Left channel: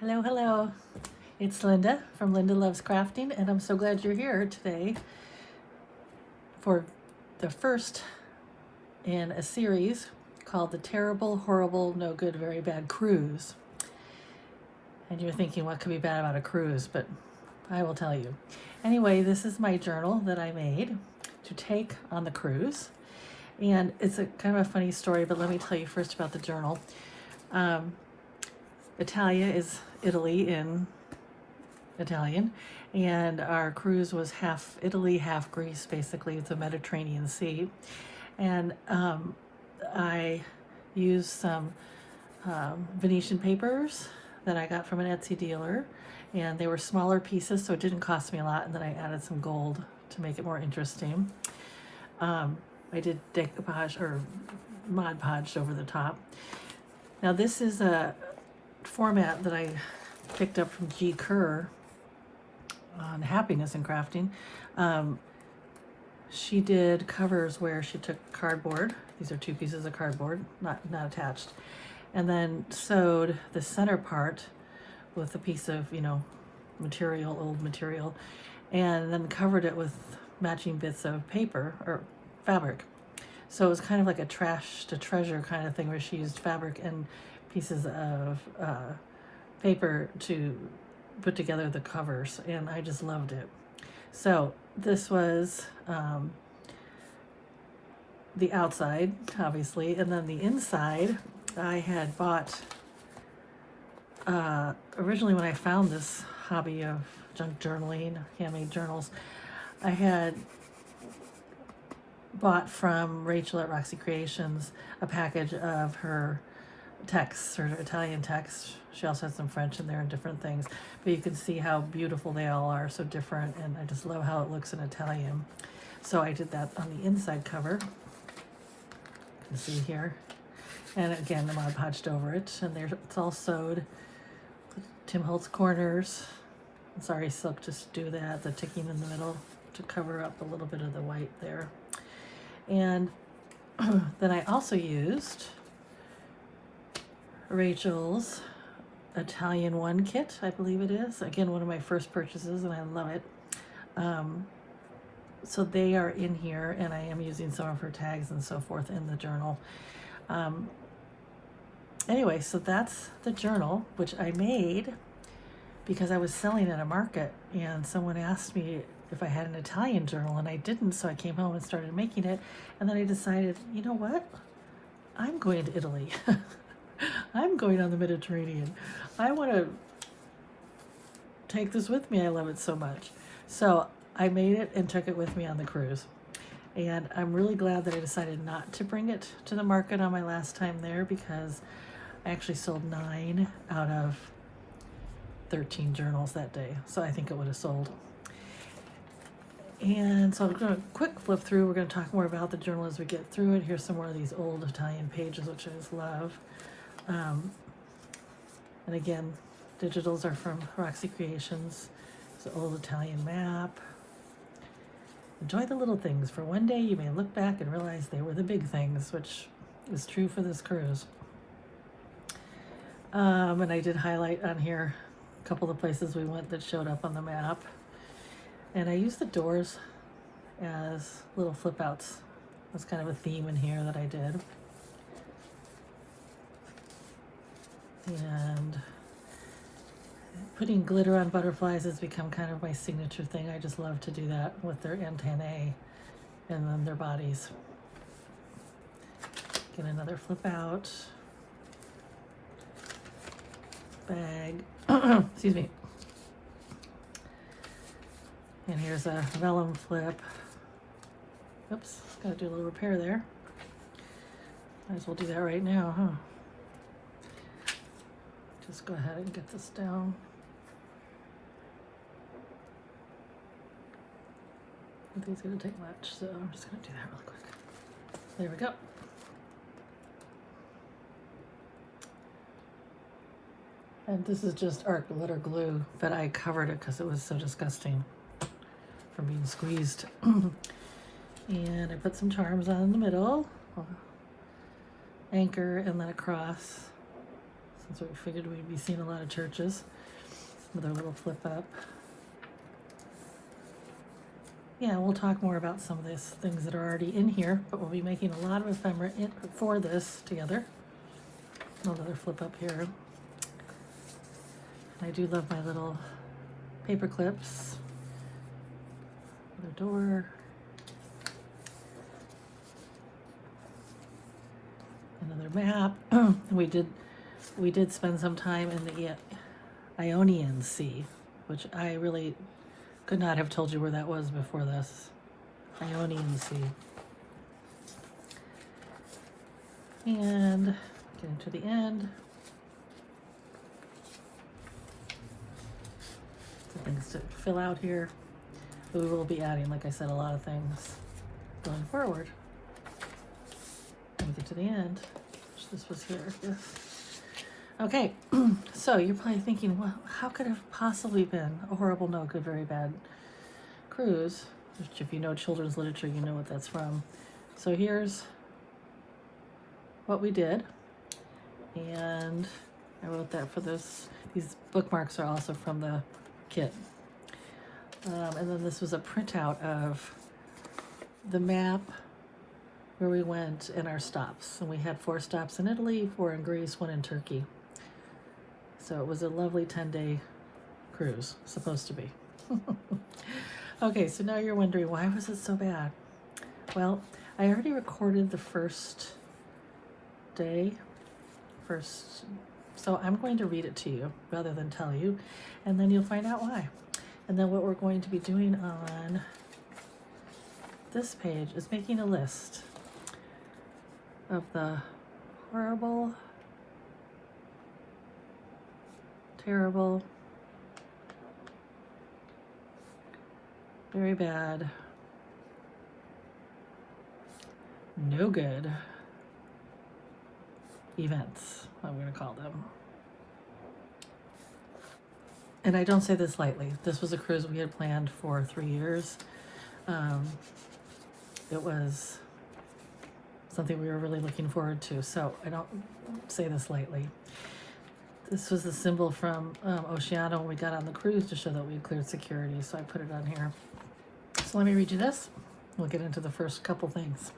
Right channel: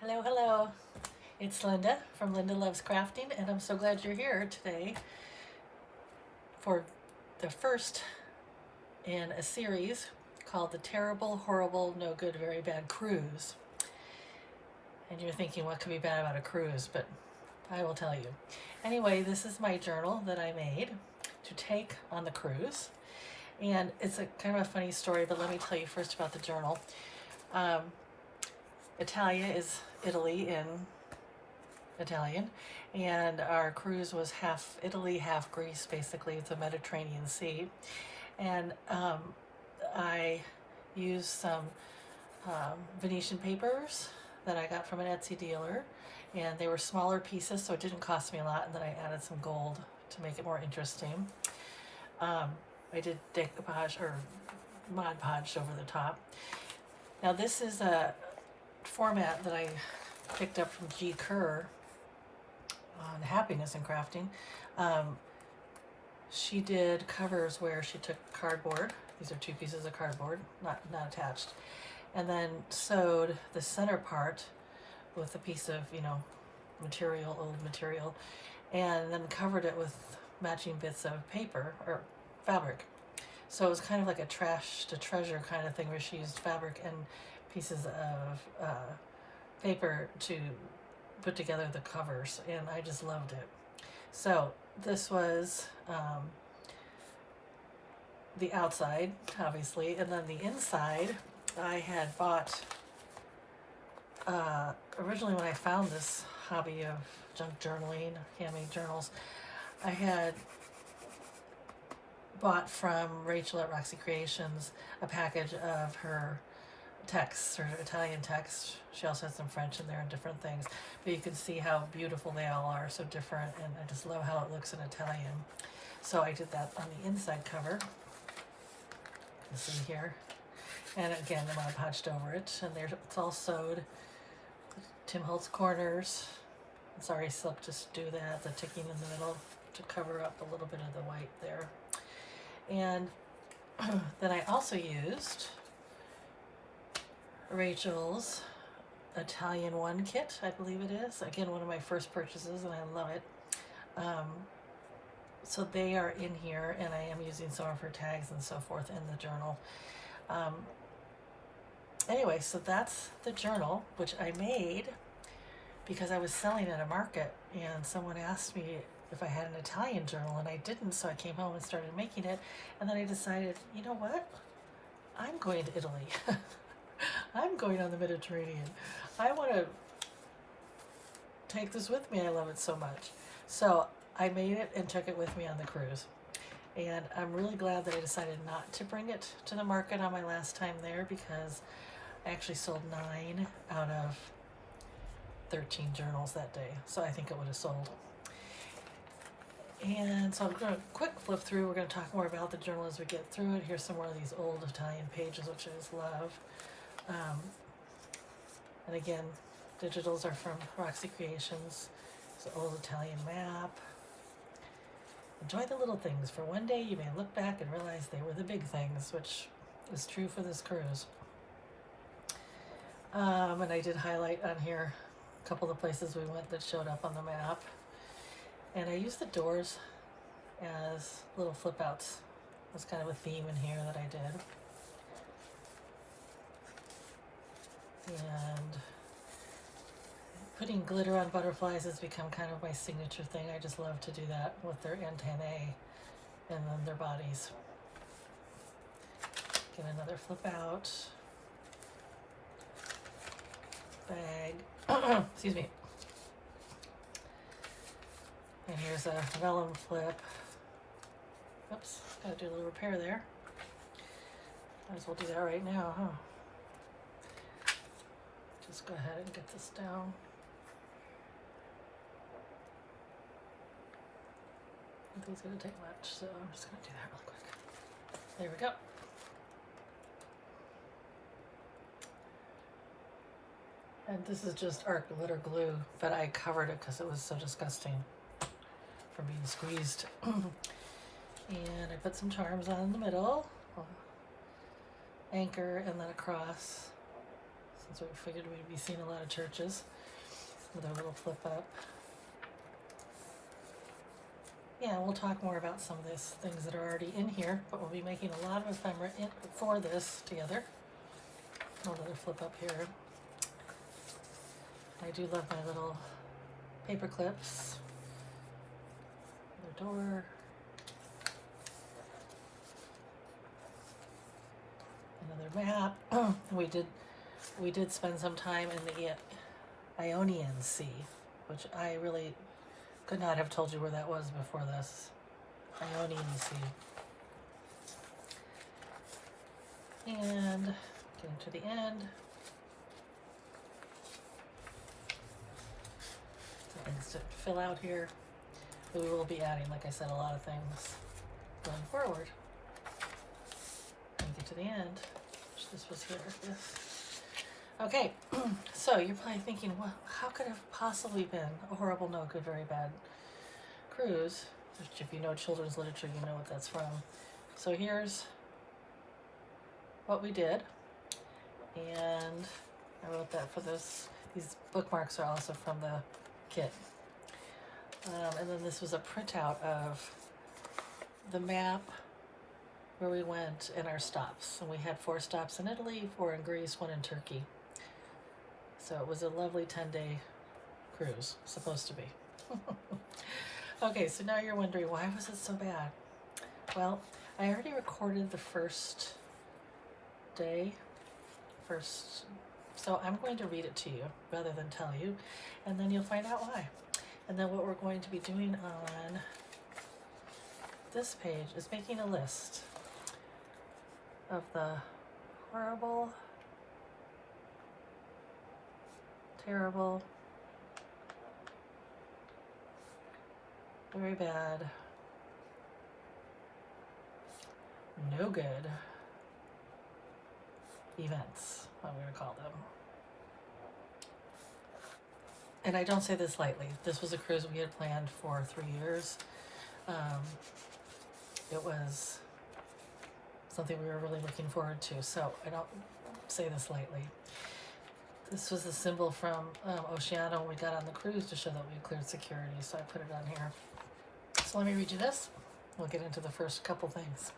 Hello, hello. It's Linda from Linda Loves Crafting, and I'm so glad you're here today for the first in a series called The Terrible, Horrible, No Good, Very Bad Cruise. And you're thinking, what could be bad about a cruise? But I will tell you. Anyway, this is my journal that I made to take on the cruise. And it's a kind of a funny story, but let me tell you first about the journal. Italia is Italy in Italian, and our cruise was half Italy, half Greece. Basically, it's a Mediterranean Sea, and I used some Venetian papers that I got from an Etsy dealer, and they were smaller pieces, so it didn't cost me a lot. And then I added some gold to make it more interesting. I did decoupage or Mod Podge over the top. Now this is a format that I picked up from G. Kerr on Happiness in Crafting. She did covers where she took cardboard. These are two pieces of cardboard, not attached, and then sewed the center part with a piece of material, old material, and then covered it with matching bits of paper or fabric. So it was kind of like a trash to treasure kind of thing where she used fabric and pieces of paper to put together the covers, and I just loved it. So this was the outside, obviously, and then the inside I had bought originally when I found this hobby of junk journaling, handmade journals. I had bought from Rachel at Roxy Creations a package of her texts, her Italian texts. She also has some French in there and different things, but you can see how beautiful they all are, so different, and I just love how it looks in Italian. So I did that on the inside cover. You can see here, and again the Mod Podged over it, and there it's all sewed. Tim Holtz corners. Sorry, silk, just do that, the ticking in the middle to cover up a little bit of the white there. And then I also used Rachel's Italian One kit, I believe it is. Again, one of my first purchases, and I love it. So they are in here, and I am using some of her tags and so forth in the journal. Anyway, so that's the journal, which I made because I was selling at a market, and someone asked me if I had an Italian journal, and I didn't, so I came home and started making it, and then I decided, you know what? I'm going to Italy. I'm going on the Mediterranean. I want to take this with me. I love it so much. So I made it and took it with me on the cruise. And I'm really glad that I decided not to bring it to the market on my last time there, because I actually sold 9 out of 13 journals that day. So I think it would have sold. And so I'm going to quick flip through. We're going to talk more about the journal as we get through it. Here's some more of these old Italian pages, which I just love. And again, digitals are from Roxy Creations. It's an old Italian map. Enjoy the little things, for one day you may look back and realize they were the big things, which is true for this cruise. And I did highlight on here a couple of places we went that showed up on the map. And I used the doors as little flip outs. That's kind of a theme in here that I did. And putting glitter on butterflies has become kind of my signature thing. I just love to do that with their antennae and then their bodies. Get another flip out. Bag. Excuse me. And here's a vellum flip. Oops, gotta do a little repair there. Might as well do that right now, huh? Just go ahead and get this down. I don't think it's gonna take much, so I'm just gonna do that real quick. There we go. And this is just art glitter glue that I covered it because it was so disgusting from being squeezed. And I put some charms on in the middle, anchor, and then across. since we figured we'd be seeing a lot of churches with our little flip up. Yeah, we'll talk more about some of these things that are already in here, but we'll be making a lot of ephemera for this together. Another flip up here. I do love my little paper clips. Another door. Another map. we did spend some time in the Ionian Sea, which I really could not have told you where that was before this. Ionian Sea. And getting to the end. Some things to fill out here. We will be adding, like I said, a lot of things going forward. When we get to the end, this was here. Yes. Okay, so you're probably thinking, well, how could it have possibly been a horrible, no good, very bad cruise? Which, if you know children's literature, you know what that's from. So here's what we did, and I wrote that for this. These bookmarks are also from the kit. And then this was a printout of the map where we went and our stops. And we had 4 stops in Italy, 4 in Greece, 1 in Turkey. So it was a lovely 10-day cruise, supposed to be. Okay, so now you're wondering, why was it so bad? Well, I already recorded the first day, so I'm going to read it to you rather than tell you, and then you'll find out why. And then what we're going to be doing on this page is making a list of the horrible, terrible, very bad, no good events, I'm going to call them. And I don't say this lightly. This was a cruise we had planned for 3 years. It was something we were really looking forward to, so I don't say this lightly. This was a symbol from Oceania when we got on the cruise to show that we had cleared security, so I put it on here. So let me read you this. We'll get into the first couple things.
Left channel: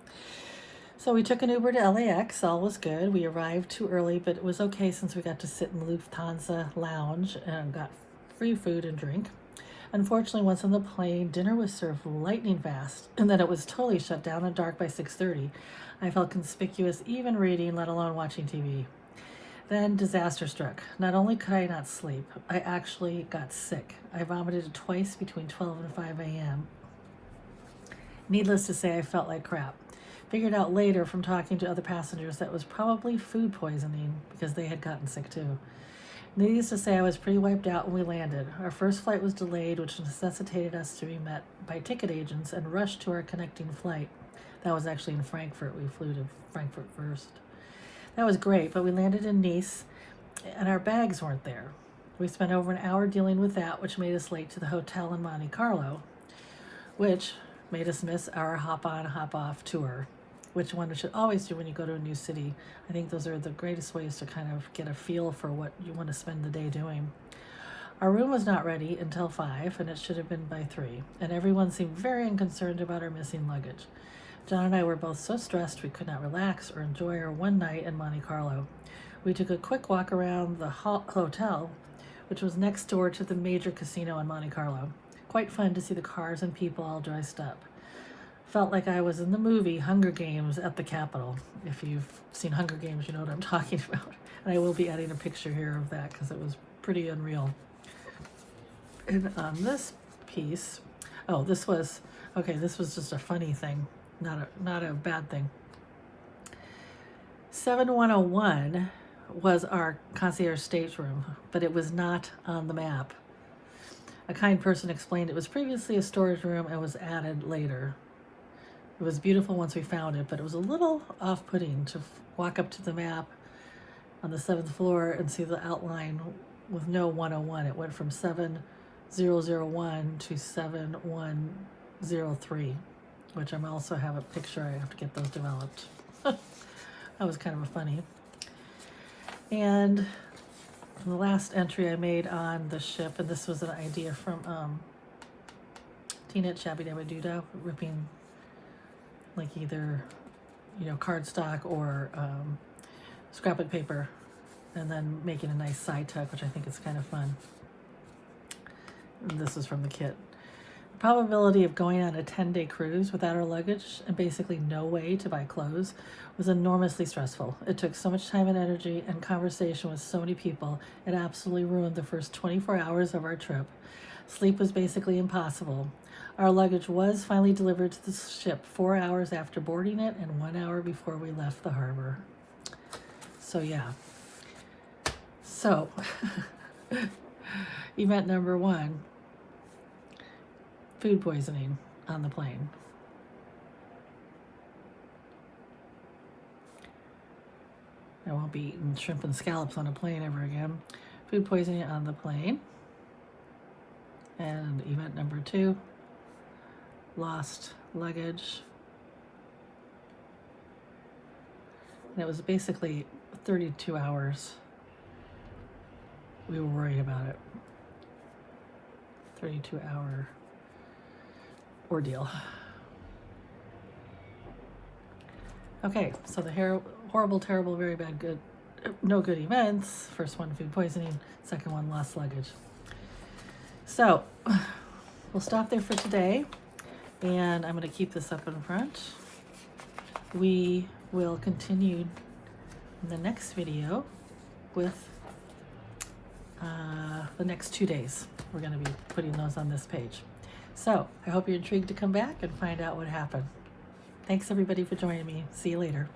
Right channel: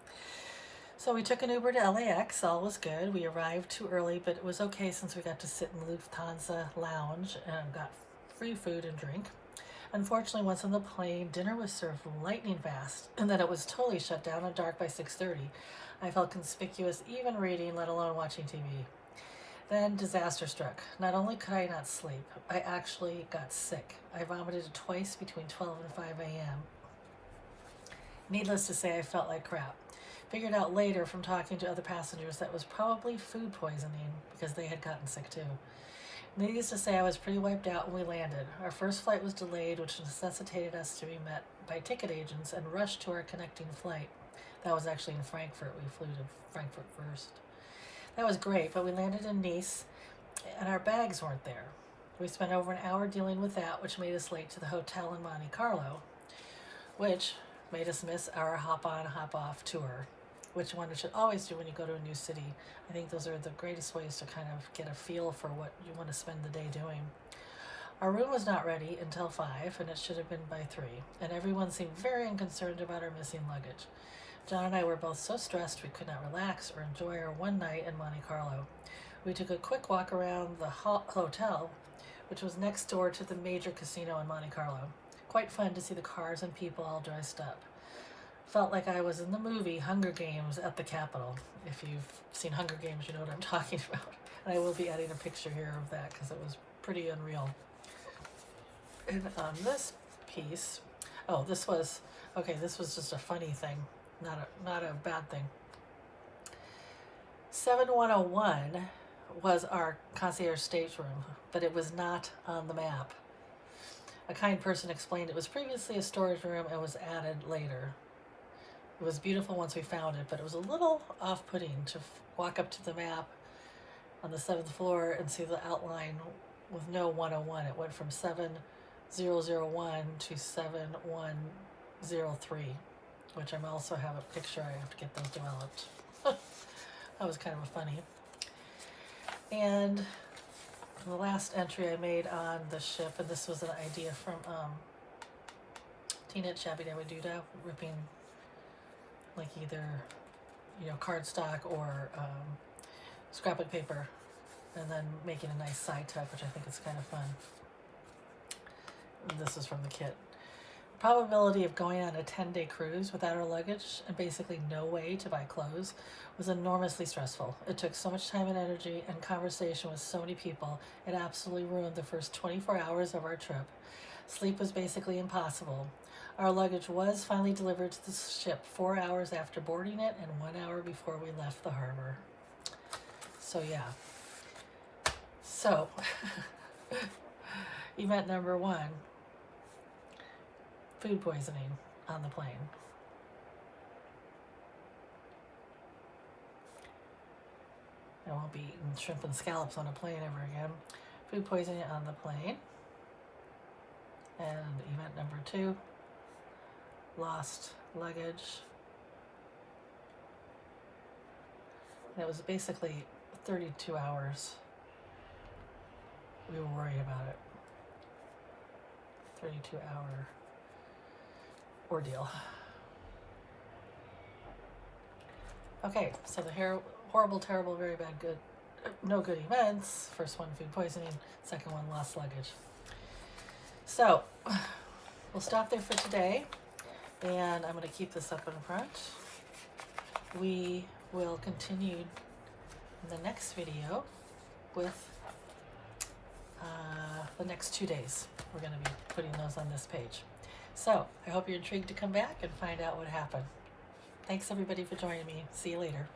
So we took an Uber to LAX, all was good. We arrived too early, but it was okay since we got to sit in the Lufthansa lounge and got free food and drink. Unfortunately, once on the plane, dinner was served lightning fast, and then it was totally shut down and dark by 6:30. I felt conspicuous even reading, let alone watching TV. Then disaster struck. Not only could I not sleep, I actually got sick. I vomited twice between 12 and 5 a.m. Needless to say, I felt like crap. Figured out later from talking to other passengers that it was probably food poisoning because they had gotten sick too. Needless to say, I was pretty wiped out when we landed. Our first flight was delayed, which necessitated us to be met by ticket agents and rushed to our connecting flight. That was actually in Frankfurt. We flew to Frankfurt first. That was great, but we landed in Nice, and our bags weren't there. We spent over an hour dealing with that, which made us late to the hotel in Monte Carlo, which made us miss our hop-on, hop-off tour, which one should always do when you go to a new city. I think those are the greatest ways to kind of get a feel for what you want to spend the day doing. Our room was not ready until 5, and it should have been by 3, and everyone seemed very unconcerned about our missing luggage. John and I were both so stressed we could not relax or enjoy our one night in Monte Carlo. We took a quick walk around the hotel, which was next door to the major casino in Monte Carlo. Quite fun to see the cars and people all dressed up. Felt like I was in the movie Hunger Games at the Capitol. If you've seen Hunger Games, you know what I'm talking about. And I will be adding a picture here of that because it was pretty unreal. And on this piece, this was just a funny thing, not a bad thing. 7101 was our concierge stateroom, but it was not on the map. A kind person explained it was previously a storage room and was added later. It was beautiful once we found it, but it was a little off-putting to walk up to the map on the 7th floor and see the outline with no 101. It went from 7001 to 7103, which I also have a picture. I have to get those developed. That was kind of funny. And the last entry I made on the ship, and this was an idea from Teenage Shabby Dabby Doodah, ripping like either, you know, cardstock or scrapbook paper, and then making a nice side tuck, which I think is kind of fun. And this is from the kit. The probability of going on a 10-day cruise without our luggage and basically no way to buy clothes was enormously stressful. It took so much time and energy and conversation with so many people, it absolutely ruined the first 24 hours of our trip. Sleep was basically impossible. Our luggage was finally delivered to the ship 4 hours after boarding it and 1 hour before we left the harbor. So yeah. So, event number 1, food poisoning on the plane. I won't be eating shrimp and scallops on a plane ever again. Food poisoning on the plane. And event number 2, lost luggage. And it was basically 32 hours. We were worried about it. 32-hour ordeal. Okay, so the horrible, terrible, very bad, good, no good events. First one, food poisoning. Second one, lost luggage. So we'll stop there for today, and I'm going to keep this up in front. We will continue in the next video with the next 2 days. We're going to be putting those on this page. So I hope you're intrigued to come back and find out what happened. Thanks everybody for joining me. See you later.